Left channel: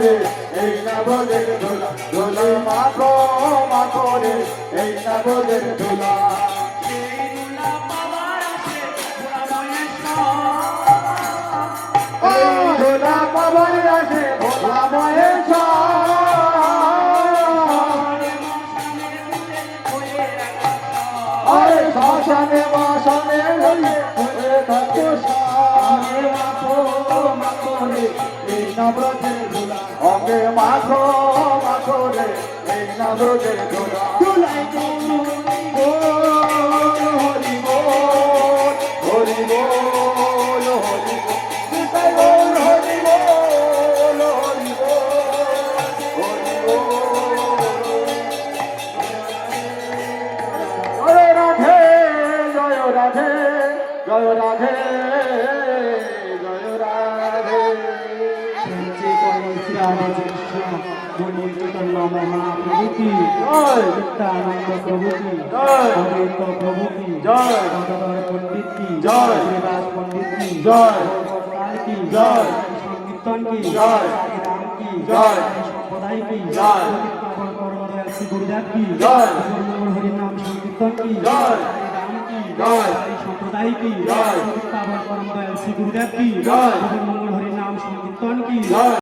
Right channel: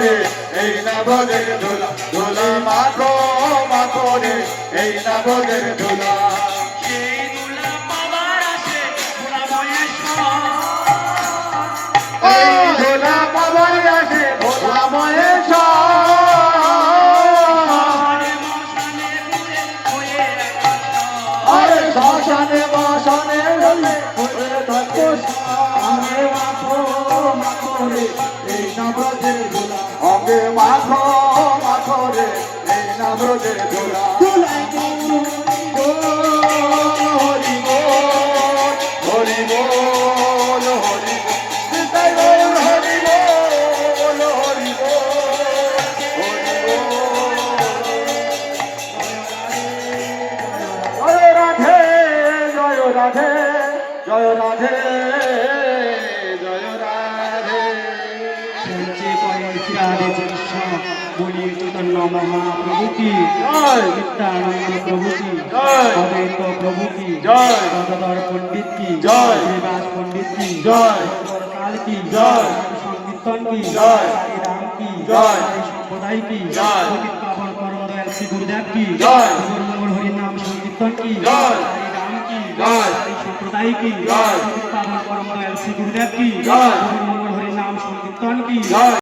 রে এই নবদের ধুলা ধুলা মাখো মাখো রে এই নবদের ধুলা সেই ধুলা পাবার আসে ভোলা মহেশ্বর এই ধুলা পাবার আসে ভোলা মহেশ্বর আরে শ্মশানে বসনে হলে হয়ে থাকো সামনে মাখো মাখো রে এই নবদের ধুলা অঙ্গে মাখো মাখো রে এই নবদের ধুলা ধুলাই হরি বল হরি বল হরি বল হরি বল হরি বল হরি বল জয় রাধে জয় রাধে জয় রাধে জয় রাধে সঞ্চে পরমেশ্বরে কৃষ্ণ বলি চৈতন্য মহাপ্রভু কি জয় নিত্যানন্দ প্রভু কি জয় অদ্বৈত প্রভু কি জয় গঙ্গাধর পণ্ডিত কি জয় দেবদাস পণ্ডিত কি জয় কাল কি জয় সংকীর্তন কি জয় রাম কি জয় সম্প্রদায় কি জয় পবিত্র পরমদয়াল শ্রী গুরুদেব কি জয় মঙ্গল হরির নাম সংকীর্তন কি জয় রাম কি জয় সম্প্রদায় কি জয় পবিত্র পরমদয়াল শ্রী গুরুদেব কি জয় মঙ্গল হরির নাম সংকীর্তন কি জয়